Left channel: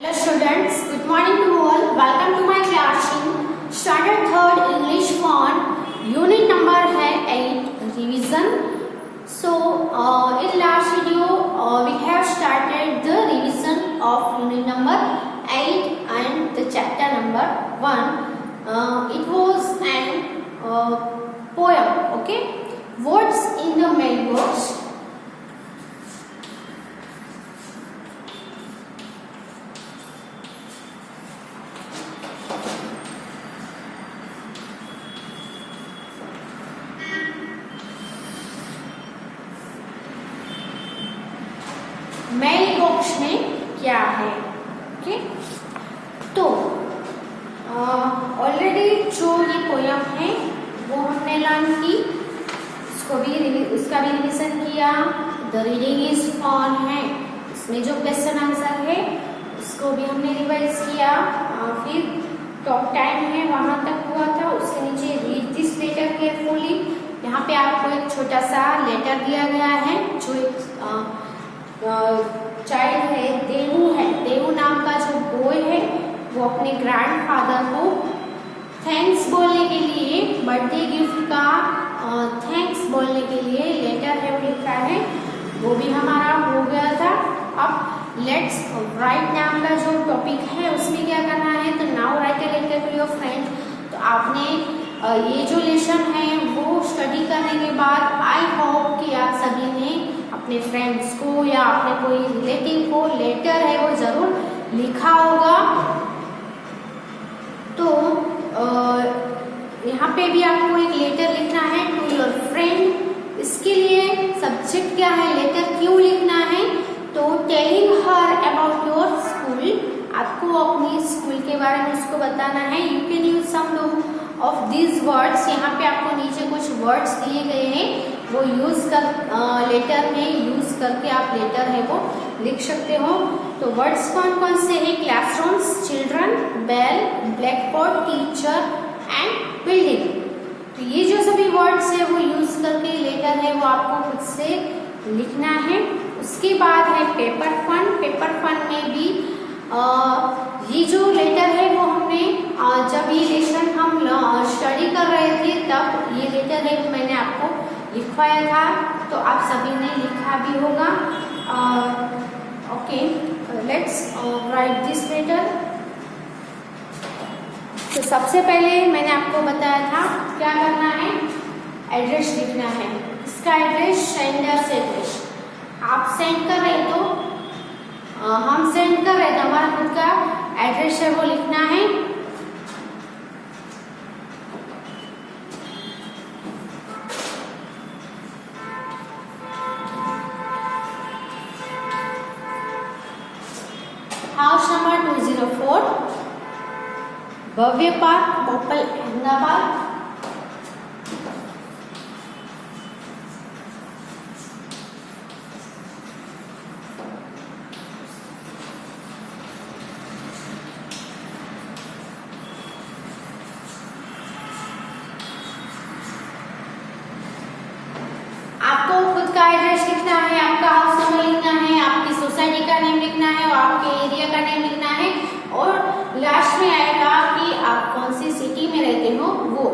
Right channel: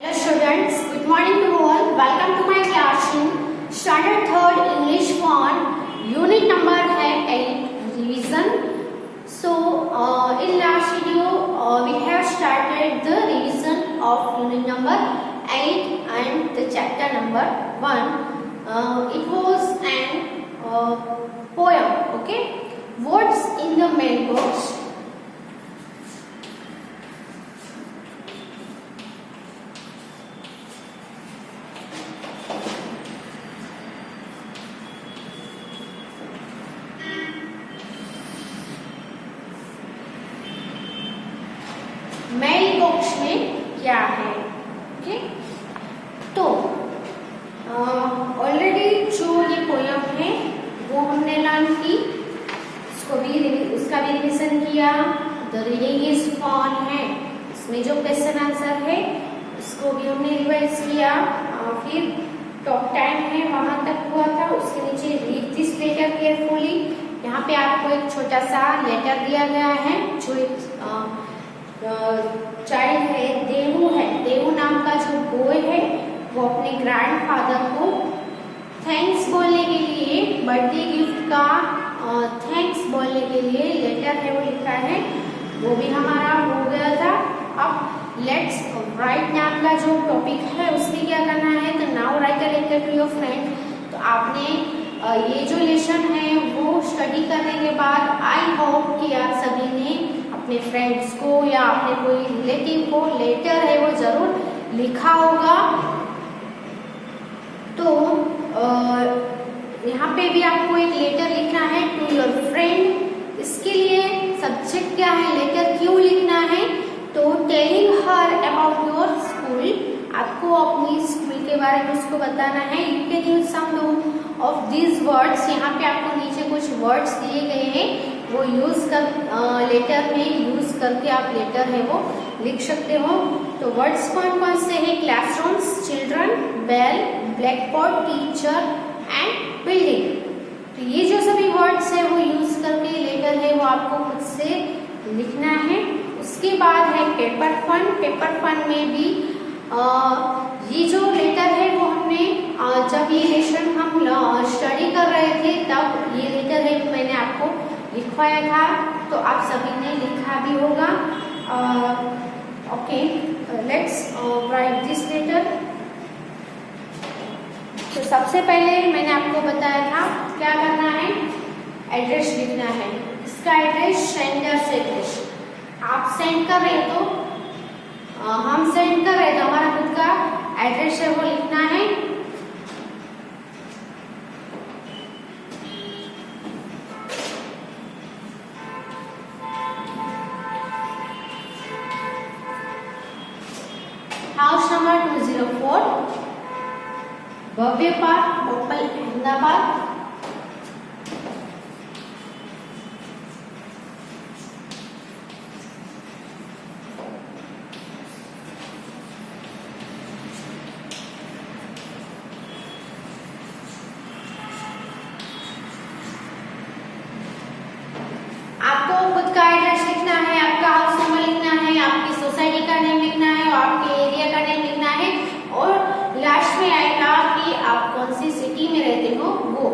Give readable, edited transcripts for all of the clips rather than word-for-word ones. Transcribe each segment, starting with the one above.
Hello students, good morning to all. Welcome to my class in Standard 3rd English Font. Unit number है 8 revision. So in last video we have started the revision of unit number 8 and the chapter number 1. It was an poem. Okay, words in the mailbox. Mailbox में क्या है? ओके, तो ऑलरेडी जो ये पोयम है वो हमने लर्न की, उसका भी रिवीजन किया. द रीडिंग इज फन है, इसमें जो क्वेश्चन आंसर है उसको भी हमने रिवाइज किया. फिर टॉप 10 है वहां तक हुआ था. उसके नीचे रीड दिस लेटर केयरफुली. यहाँ पे आपको एक छोटा सा लेटर दिया गया है जो एक चाइल्ड है, देवू नाम का जो बॉय है वो अपने ग्रैंडफादर को थैंक्स बोलने के लिए, बर्थडे गिफ्ट का थैंक्स बोलने के लिए लेटर है वो लिखा है. वो भी हमारा हो गया था. अब लेट्स राइट नाम का जो टॉपिक है उसमें क्या करना है, तो now write a letter to your friend. तो आपने ये जो लेसन है वो स्टडी करने के बाद आई होप कि आप सभी ने अपने फ्रेंड्स को या अपने कोई रिलेटिव को लेटर है वो जरूर लिखा होगा. तो यहाँ पे भी आपको एक लेटर लिखना है टू योर फ्रेंड. इसके लिए सब्जेक्ट क्या है, लेटर क्यों लिखना है, तो telling her about your school. आपको अपनी स्कूल के बारे में उसको बताना है. You can use some of these words. यहाँ पे आपको नीचे कुछ वर्ड्स दिए गए हैं, वो यूज कर लेटर में यूज करके आप लेटर है वो लिख सकते हो. तो वर्ड्स कौन कौन से हैं, classrooms, children, bell, blackboard, teacher and building. तो ये जो सभी वर्ड्स है वो यूज करके लेटर है वो आपको खुद से लिखना है. उसके बाद है पेपर फन. पेपर फन में भी ये जो लेटर है वो हमने जब ये लेसन हम स्टडी कर रहे थे तब ये लेटर है मैंने आपको लिखवाया था. तो आप सभी ने लिखा भी होगा. Okay, let's write this letter. तो सबसे पहले मैंने आपको बताया था क्या करना है, एड्रेस लिखना है. इसका एड्रेस सेंडर्स एड्रेस. आप सेंड कर रहे तो हम सेंड कर रहे तो हमारा खुद का एड्रेस है वो लिखना है. हाउस नंबर 204, भव्य पार्क, भोपाल, अहमदाबाद. आपको खुद का एड्रेस लिखना है, आपका हाउस नंबर लिखना है, आपकी सोसाइटी का नेम लिखना है और आपके एरिया का नेम लिखना है. और लास्ट में आएगा कि आप कौन सी सिटी में रहते हो वो.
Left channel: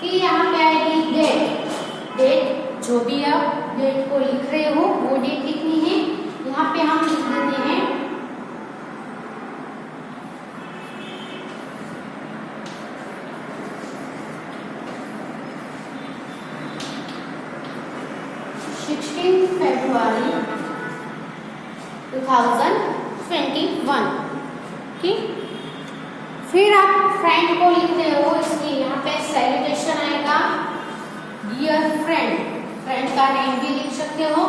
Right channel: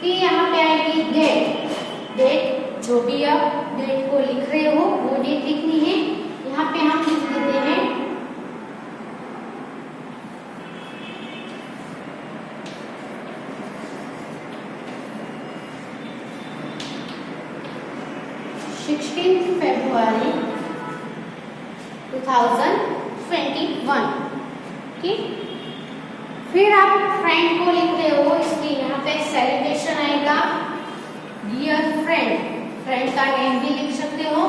फिर यहाँ पे आएगी डेट. डेट जो भी आप डेट को लिख रहे हो वो डेट लिखनी है. यहाँ पे हम लिख देते हैं 16 February 2021. ठीक, फिर आप फ्रेंड को लिख रहे हो, इसमें यहाँ पे सेलिब्रेशन आएगा डियर फ्रेंड. फ्रेंड का नेम भी लिख सकते हो.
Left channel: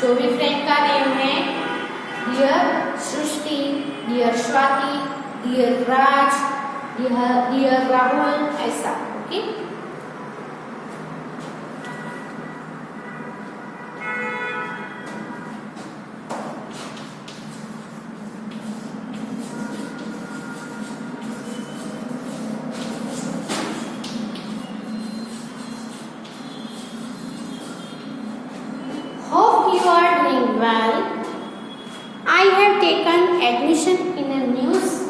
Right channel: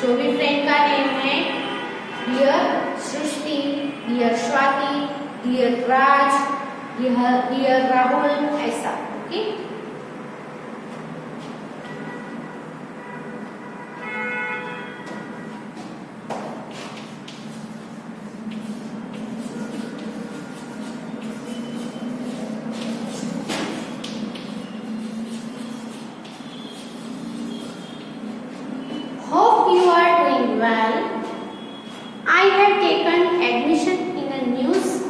जो भी फ्रेंड का नेम है, डियर सृष्टि, डियर स्वाति, डियर राज, डियर राहुल, ऐसा. Okay, well. I have taken admission in a new school.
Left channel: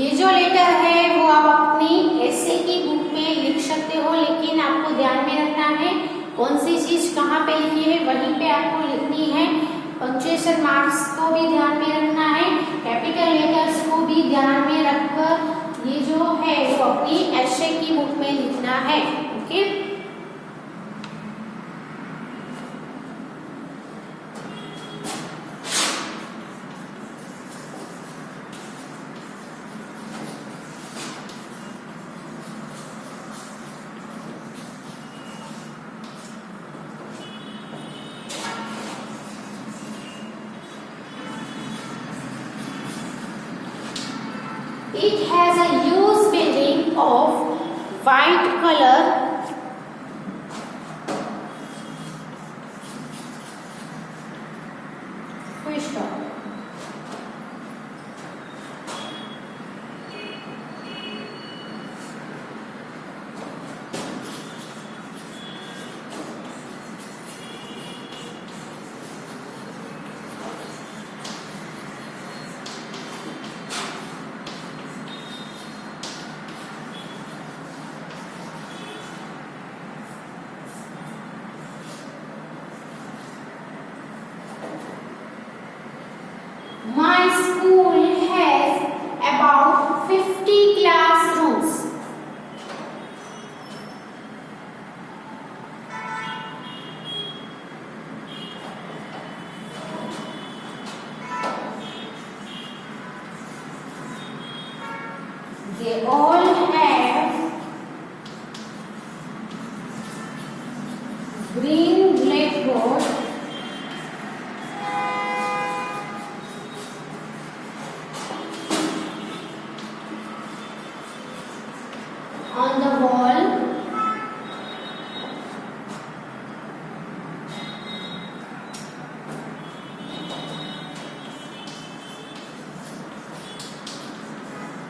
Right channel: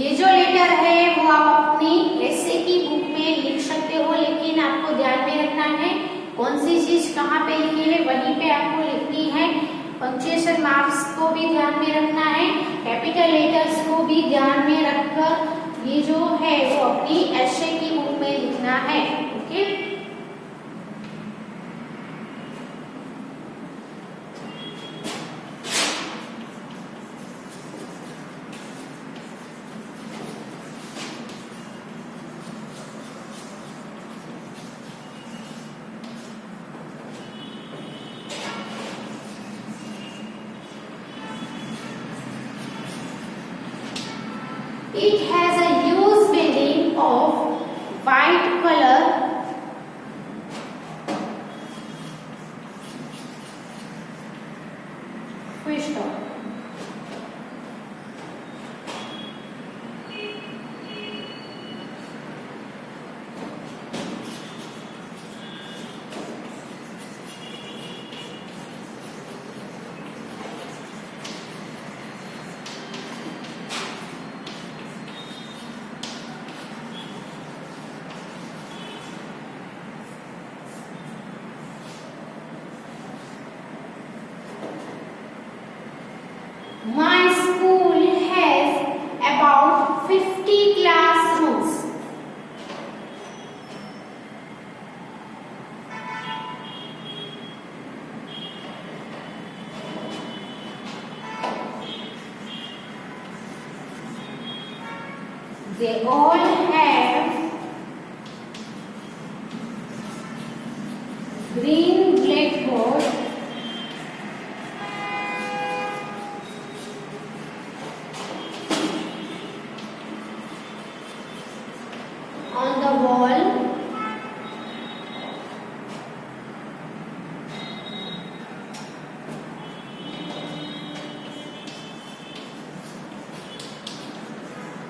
ये जो लेटर है वो आप अपनी ऐसे की बुक में लिख सकते हो, लेकिन आपको ध्यान में रखना है कौन सी चीज कहाँ पे लिखी है वहीं पे आपको लिखनी है। पंक्चुएशन मार्क्स को भी ध्यान में रखना है, कैपिटल लेटर्स को भी ध्यान में रखकर ये जो है वो अपनी ऐसे की बुक में लिखना है। Okay, it has a huge building of white color. Full stop. My school has about 50 classrooms. They all have green blackboard. On the wall.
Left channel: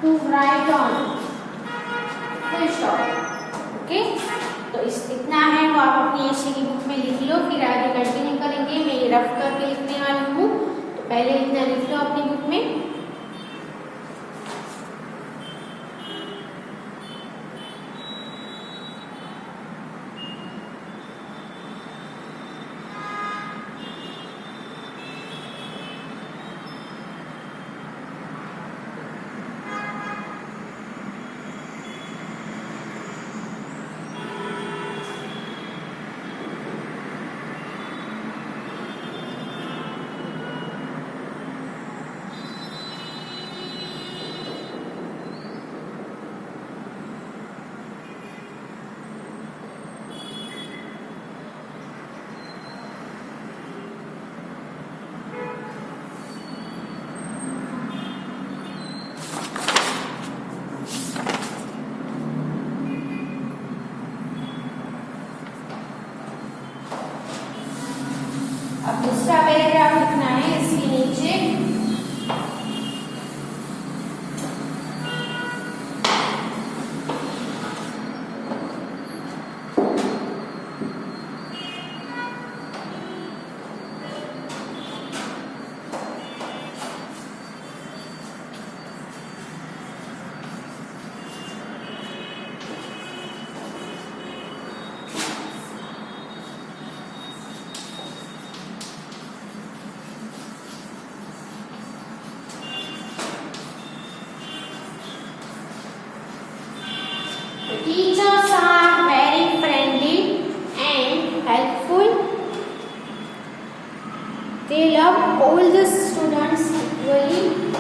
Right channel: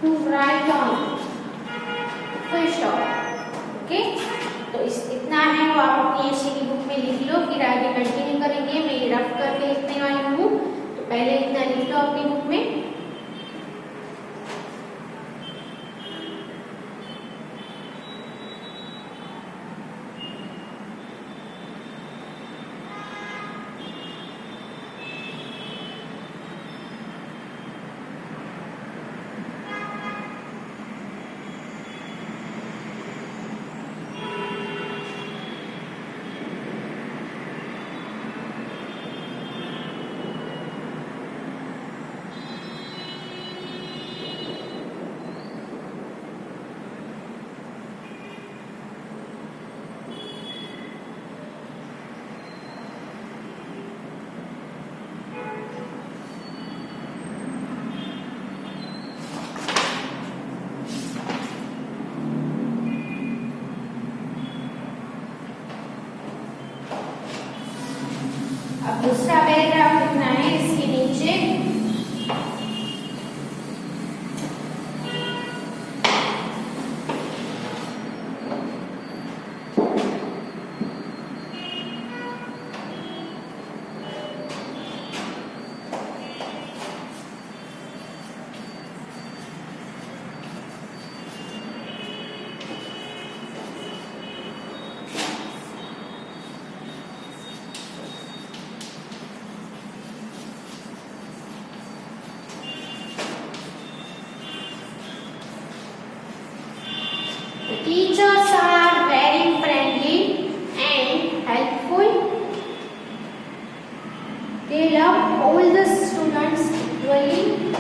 To write on. Full stop. Okay, तो इतना है वो आप अपनी ऐसे की बुक में लिख लो, फिर आगे कंटिन्यू करेंगे। मैं ये रफ करके लिखने वाली हूँ, तो पहले इतना लिख लो अपनी बुक में। अब दूसरा पैराग्राफ लिखना है इसके नीचे। Teachers are very friendly and helpful. They love all the students equally.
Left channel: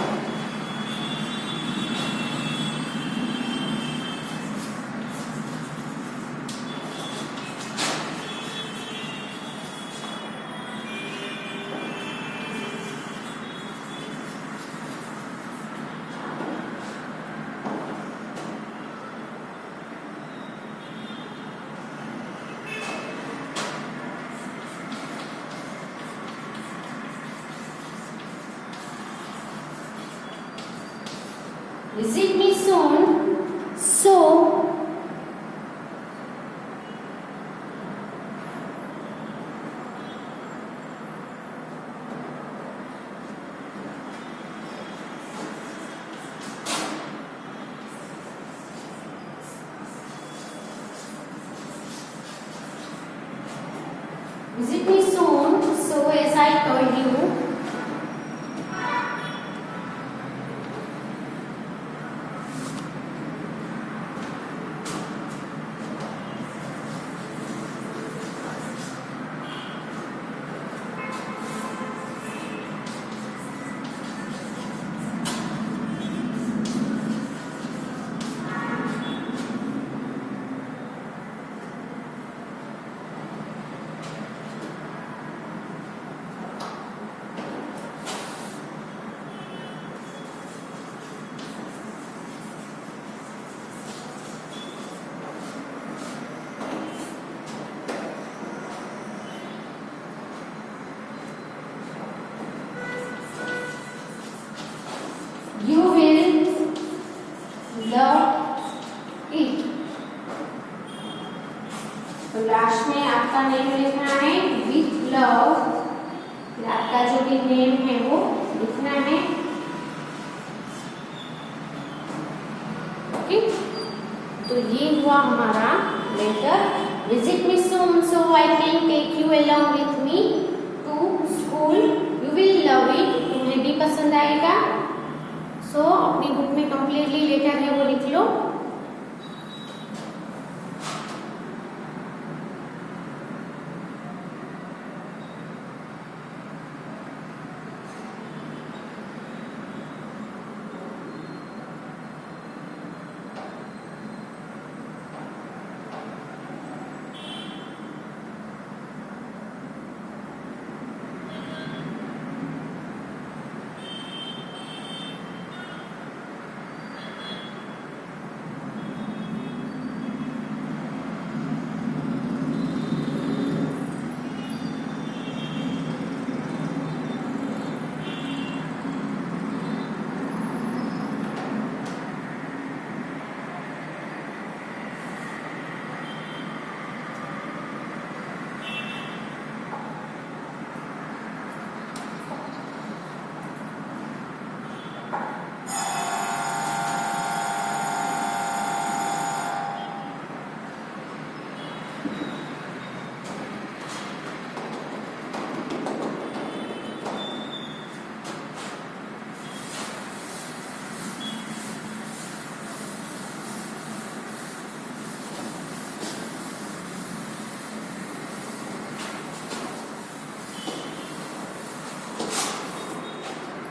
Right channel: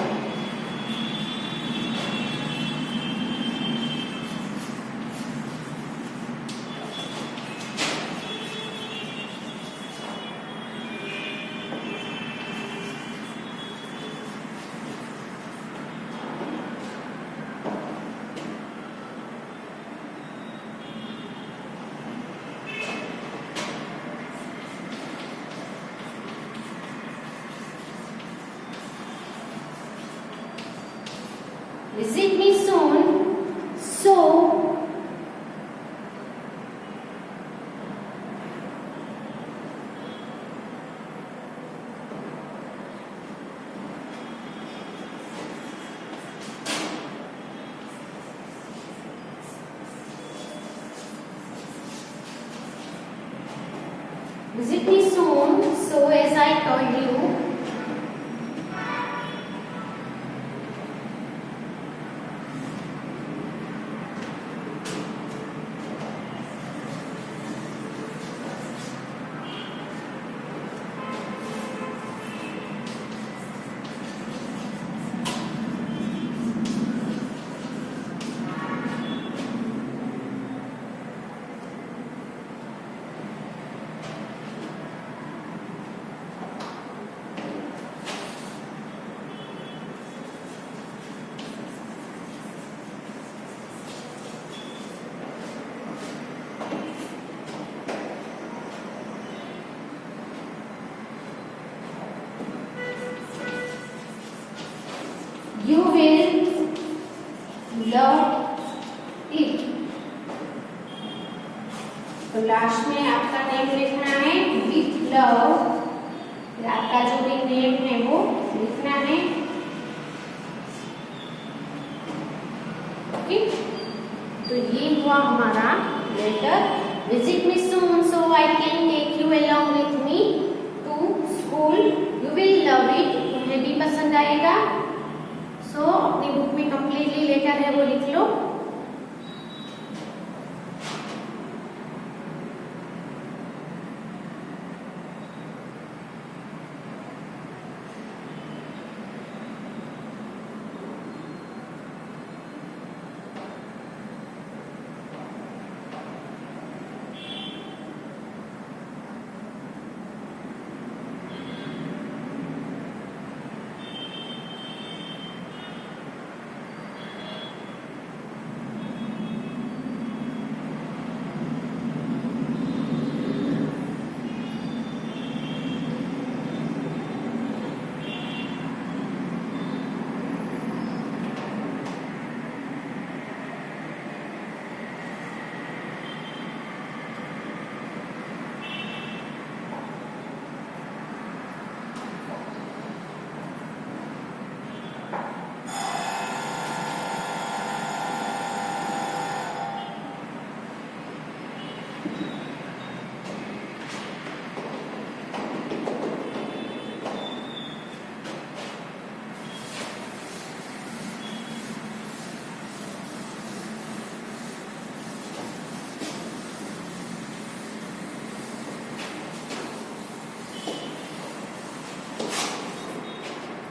Visit me soon. So, visit me soon. So, as I told you, you will love it. तो लास्ट में आपका नेम लिखना है विथ लव। आपका जो भी नेम है वो लिखना है। ओके, तो ये हुआ हमारा letter. Visit me soon so I can take you along with me to school. You will love it, तुम्हें भी पसंद आएगा। सो अपनी बुक में कंप्लीटली लेटर है वो लिख लो।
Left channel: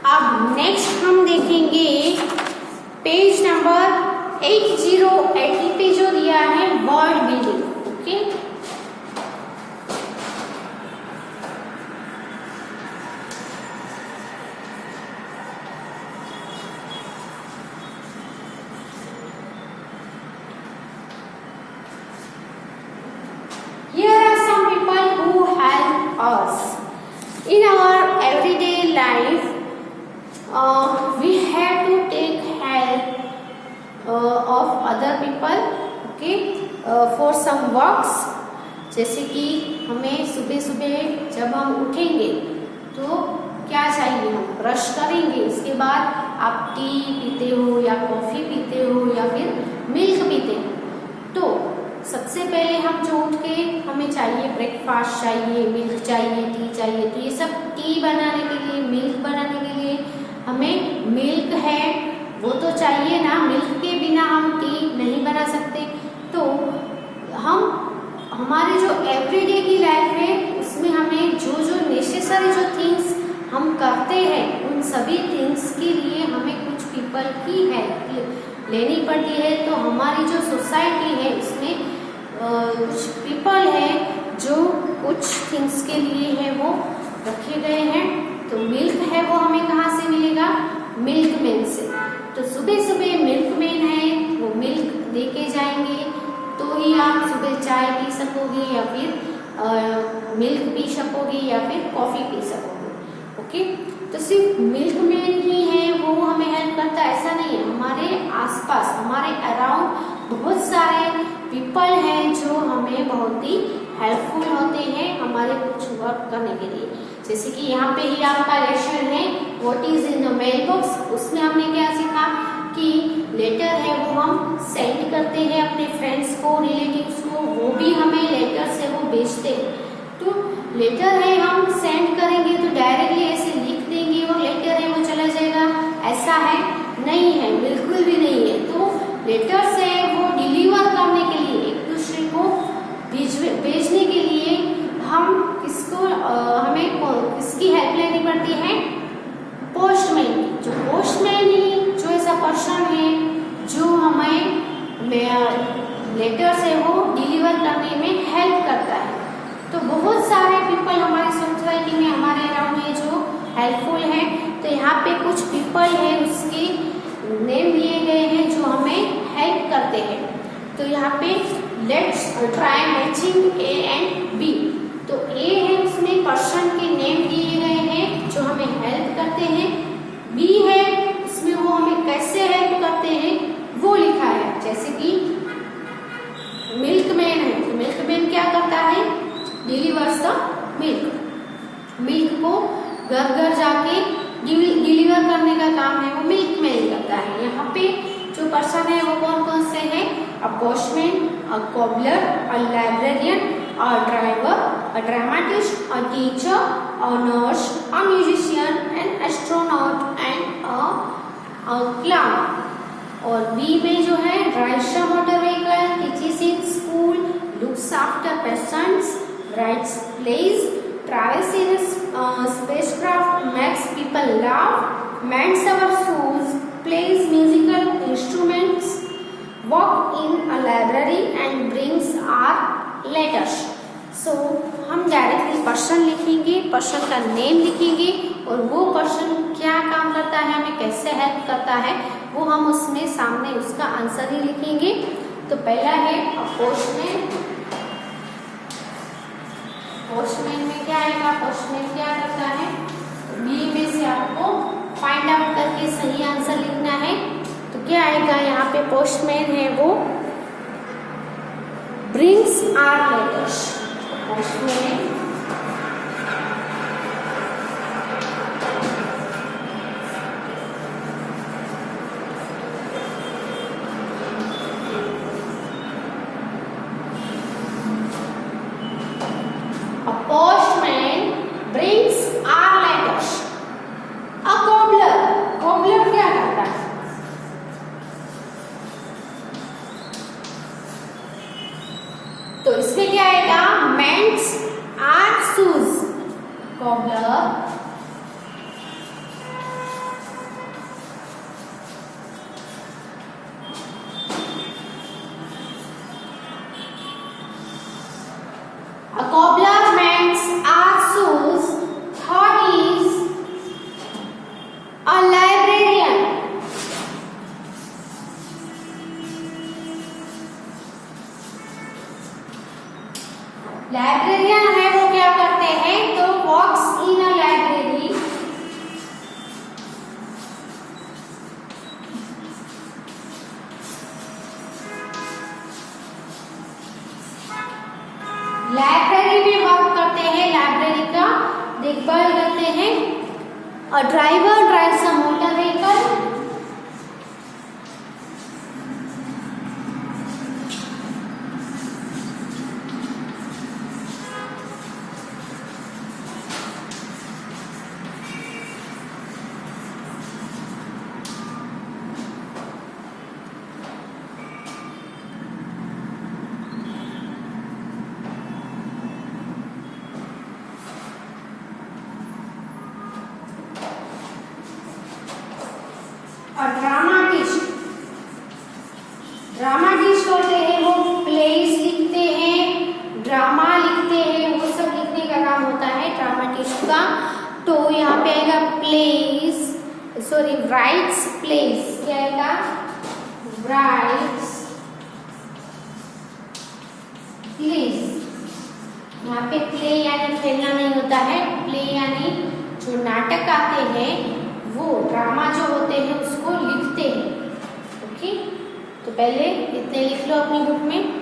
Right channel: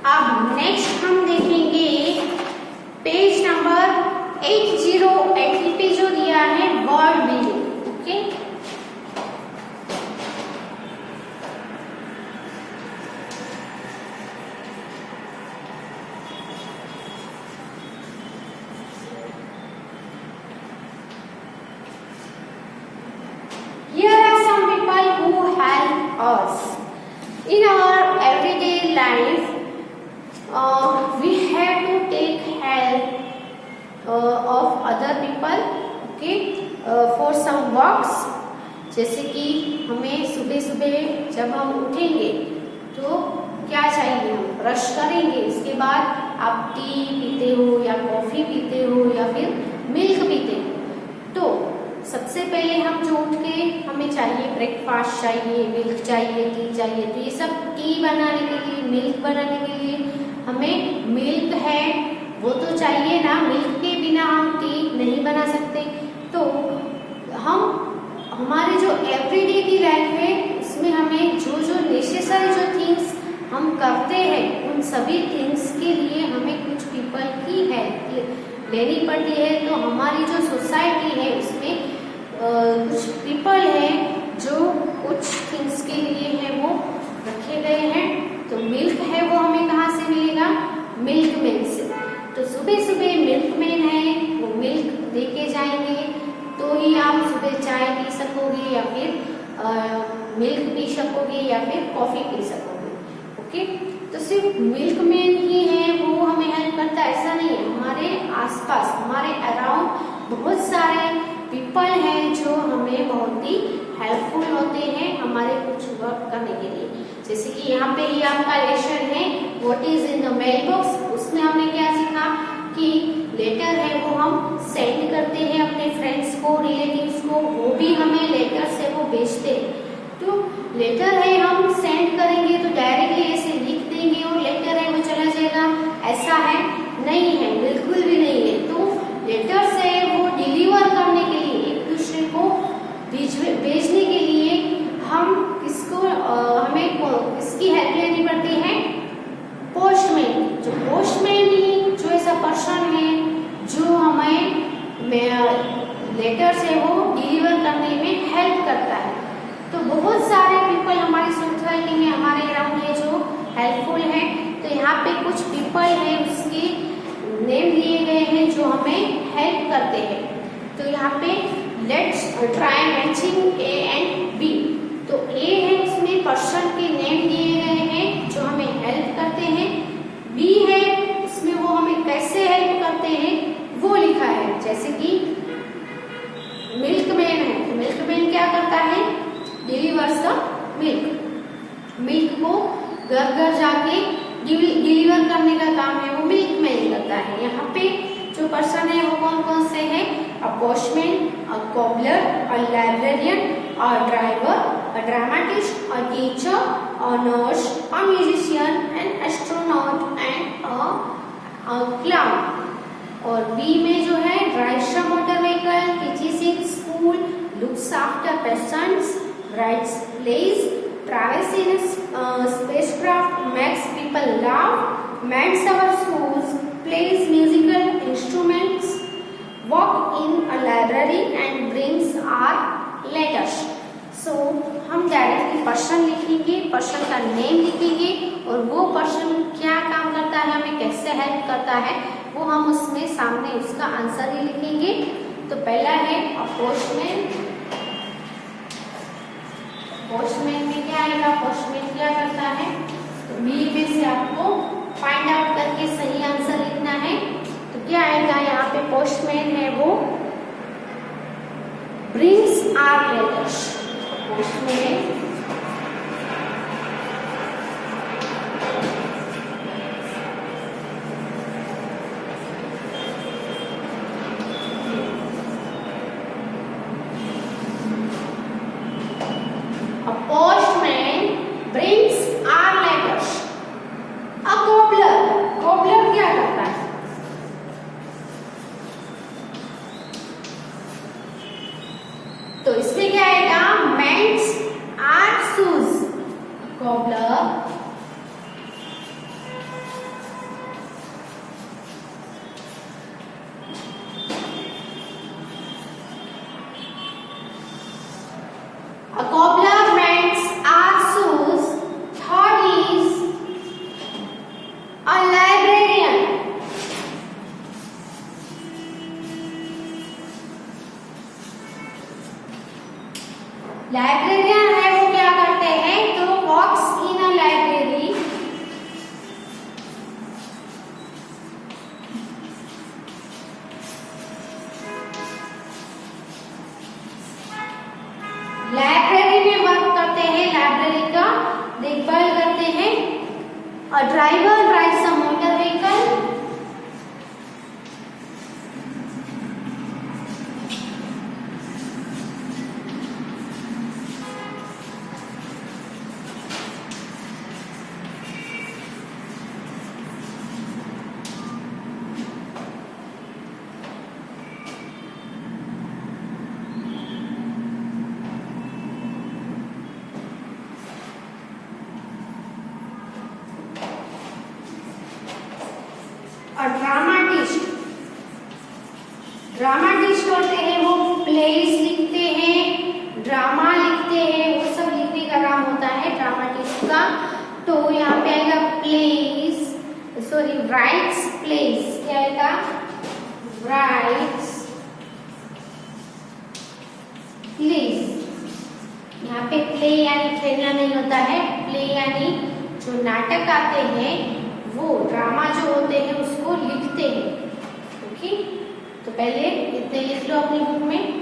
अब नेक्स्ट हम देखेंगे पेज नंबर 8080 पे जो दिया है word building. Okay, here are some people who help us in our everyday life. We have to take help of other people, okay, for some works. जैसे कि हमें सुबह सुबह जब हम उठेंगे तो क्या चाहिए, हम ब्रश करेंगे, उसके बाद आप टी पीते हो या कॉफी पीते हो या फिर मिल्क पीते हो। तो सबसे पहले हम जो उठ के हमें चाहिए ब्रेकफास्ट चाहिए, मिल्क चाहिए, टी चाहिए। तो ये सब टी बनाने के लिए, मिल्क बनाने के लिए हमें मिल्क है वो तो चाहिए ना। मिल्क के बिना हम टी नहीं बना सकते। तो हम हमारे जो एवरीडे की लाइफ है उसमें हमें जो जो नेसेसरी जो थिंग्स हम करते हैं उन सभी थिंग्स के लिए हमें कुछ पीपल की हेल्प लेनी पड़ती है। तो हमारी जो सोसाइटी है उसमें कुछ पीपल है जो कुछ थिंग्स के लिए है वो रखे गए हैं। तो मिल्क है वो हमें कहाँ से मिलेगा? मिल्कमैन से। तो सुबह सुबह मिल्कमैन है वो मिल्क देके जाएंगे तो ही आप सुबह चाय पी सकोगे या फिर मिल्क पी सकोगे या फिर कॉफी पी सकोगे। ओके, तो सिर्फ मिल्कमैन ही है वो हमें हेल्प करता है ऐसा नहीं है। हमारे आसपास हमारे अराउंड बहुत सारे पीपल हैं जो हमें बहुत ही हेल्पफुल होते हैं हमारे कुछ वर्क करने के लिए। जैसे कि यहाँ पे ही आपका लेसन है what is in the mailbox. उसमें हमने क्या सीखा कि लेटर है वो हम सेंड करते हैं अपने फ्रेंड्स को, रिलेटिव्स को, वो भी हमें लेटर से वो भेजते हैं। तो लेटर है हम सेंड करेंगे तो डायरेक्टली ऐसे लिख देंगे और लेटर है वो चला जाएगा, ऐसा है नहीं है, बिल्कुल भी नहीं है। तो लेटर से वो डिलीवर करने के लिए एक दूसरे को भेजने के लिए हम हमें किसकी हेल्प लेनी पड़ती है? पोस्टमैन की। जो पोस्टमैन ही जो ऐसा पर्सन है जो हमें लेटर से वो डिलीवर करने में हेल्प करता है। तो बहुत सारे पीपल हमारी सोसाइटी में हमारे अराउंड है जो हेल्पफुल है। तो यहाँ पे कुछ पीपल है उसकी नेम दिए गए हैं जो हमें हेल्प करते हैं। तो यहाँ पे let's try matching A and B. तो ए है उसमें पर्सन के नेम दिए गए हैं जो हमें हेल्प करते हैं। बी है इसमें वो हमें कैसे हेल्प करते हैं वो लिखा है। जैसे कि मिल्कमैन है तो मिल्कमैन क्या करता है? Delivers the milk. मिल्क को घर घर जाके डिलीवर करने का काम है वो मिल्कमैन करता है। यहाँ पे जो पर्सन है वो कौन कौन से हैं? अ पोस्टमैन, अ कोबलर, अ librarian, a driver, a dramatist, a teacher, a nurse, a musician, an astronaut and a clown. और बी में जो है drives a motor vehicle, teaches in school, looks after patients, writes plays, travels in a spacecraft, makes people laugh, mends our shoes, plays musical instruments, walk in a library and brings our letters. So हम directly person लिखेंगे, पर्सन का नेम लिखेंगे और वो पर्सन क्या काम करता है, हमें कैसे हेल्प करता है वो हम उसमें सामने उसका आंसर ही लिखेंगे। तो पहला है पोस्टमैन। पोस्टमैन में क्या आएगा? पोस्टमैन क्या करता है? बी में से आपको फाइंड आउट करके सही आंसर लिखना है। तो क्या आएगा यहाँ पे? पोस्टमैन है वो brings our letters. Postman brings our letters. A cobbler, cobbler क्या करता है? तो इसमें क्या आएगा? mends our shoes. cobbler a cobbler mends our shoes. Third is a librarian. Librarian है वो क्या करते हैं? तो वॉक्स इन अ लाइब्रेरी, लाइब्रेरी में वर्क करते हैं, लाइब्रेरी का देखभाल करते हैं। और driver drives a motor vehicle, उसका, तो यहाँ पे आएगा प्लेस, सॉरी राइट्स प्लेस, क्या आएगा राइट्स प्लेस। यहाँ पे प्ले यानी खेलना नहीं होता है, प्ले यानी जो नाटक आते हैं वो ड्रामा जो होते हैं उसको लिखते हैं। ओके, तो पहले इतने लिख लो अपनी बुक में।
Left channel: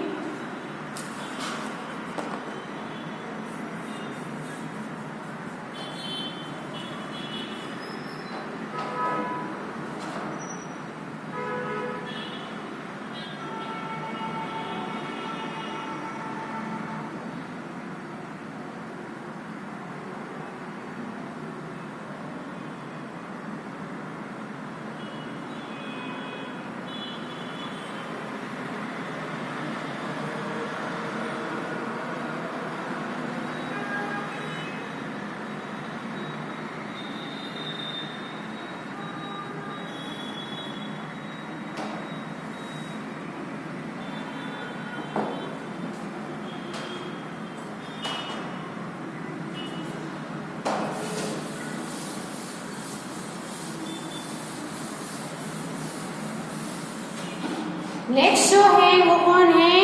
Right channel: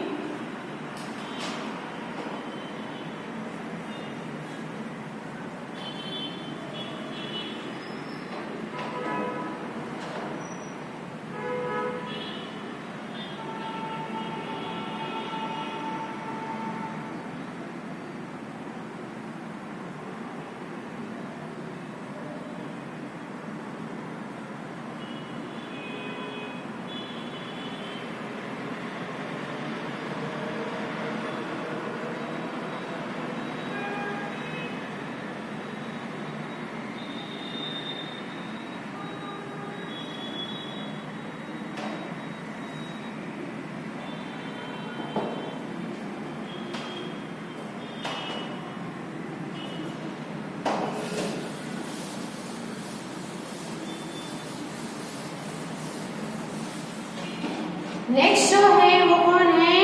नेक्स्ट जो है वो कौन है,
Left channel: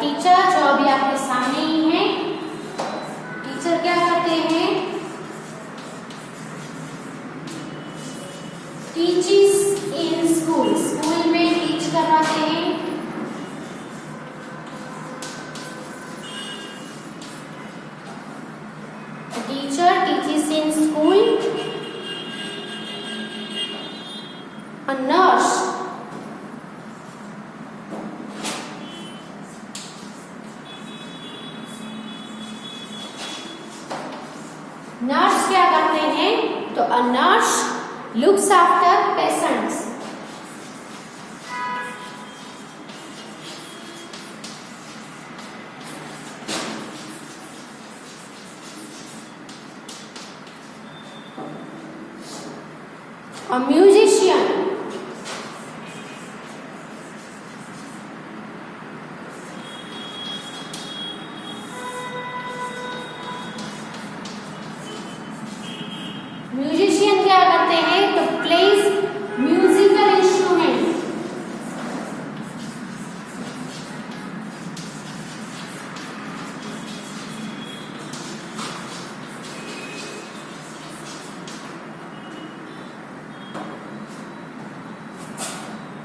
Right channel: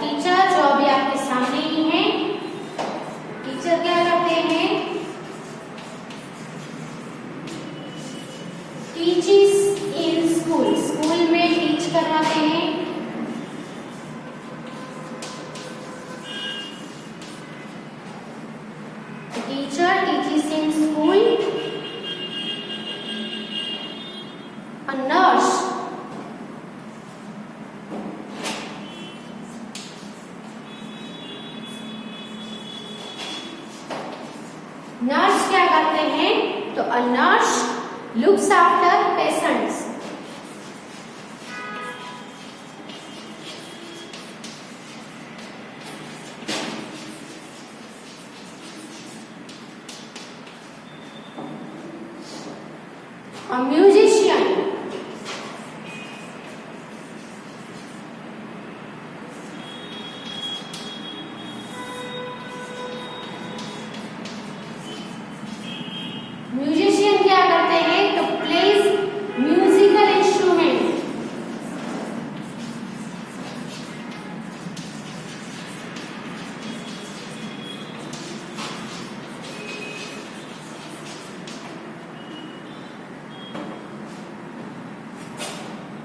टीचर, जो अभी आपके सामने ही है। टीचर क्या करते हैं, टीचेस इन स्कूल, स्कूल में टीच कराते हैं। Teacher teaches in school. Nurse, nurse क्या करते हैं, तो a nurse looks after patients. A musician, musician क्या करते हैं, तो plays musical instrument.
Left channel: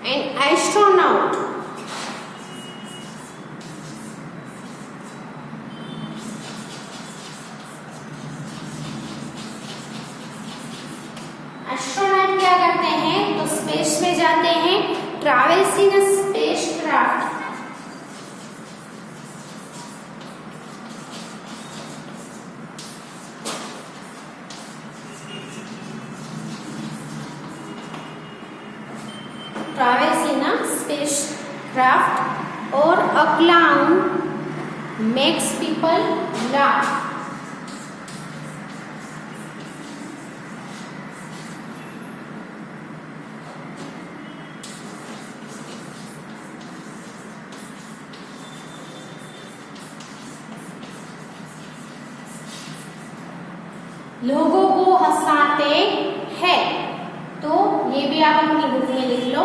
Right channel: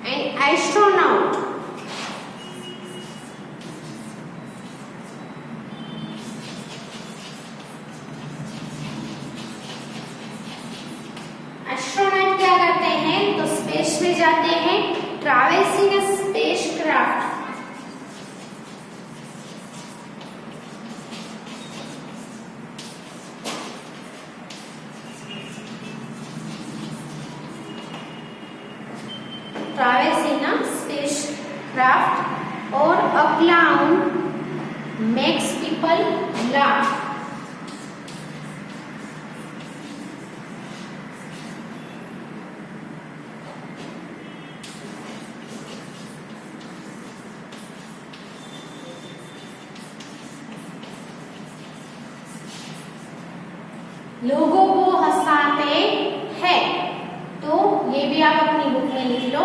An astronaut, astronaut क्या करते हैं, तो स्पेस में जाते हैं, travels in spacecraft. Travels in spacecraft. और a clown makes people laugh. लोगों को हंसाते हैं, तो ये भी आप अपनी बुक में लिख लो।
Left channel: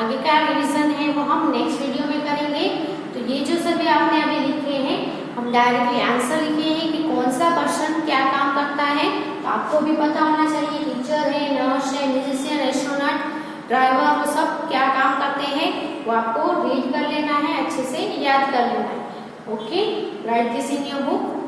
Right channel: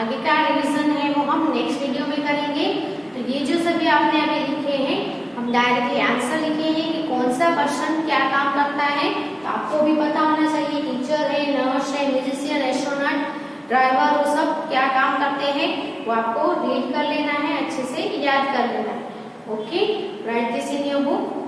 आगे का रिवीजन है वो हम नेक्स्ट वीडियो में करेंगे। तो ये जो सभी आपने अभी लिखे हैं, हम डायरेक्टली आंसर लिखे हैं कि कौन सा पर्सन क्या काम करता है। तो आपको भी पता होना चाहिए, टीचर है, नर्स है, म्यूजिशियन, एस्ट्रोनॉट, ड्राइवर, वो सब क्या काम करते हैं, वो आपको रीड कर लेना है, अच्छे से याद कर लेना है। Okay, right this in your book.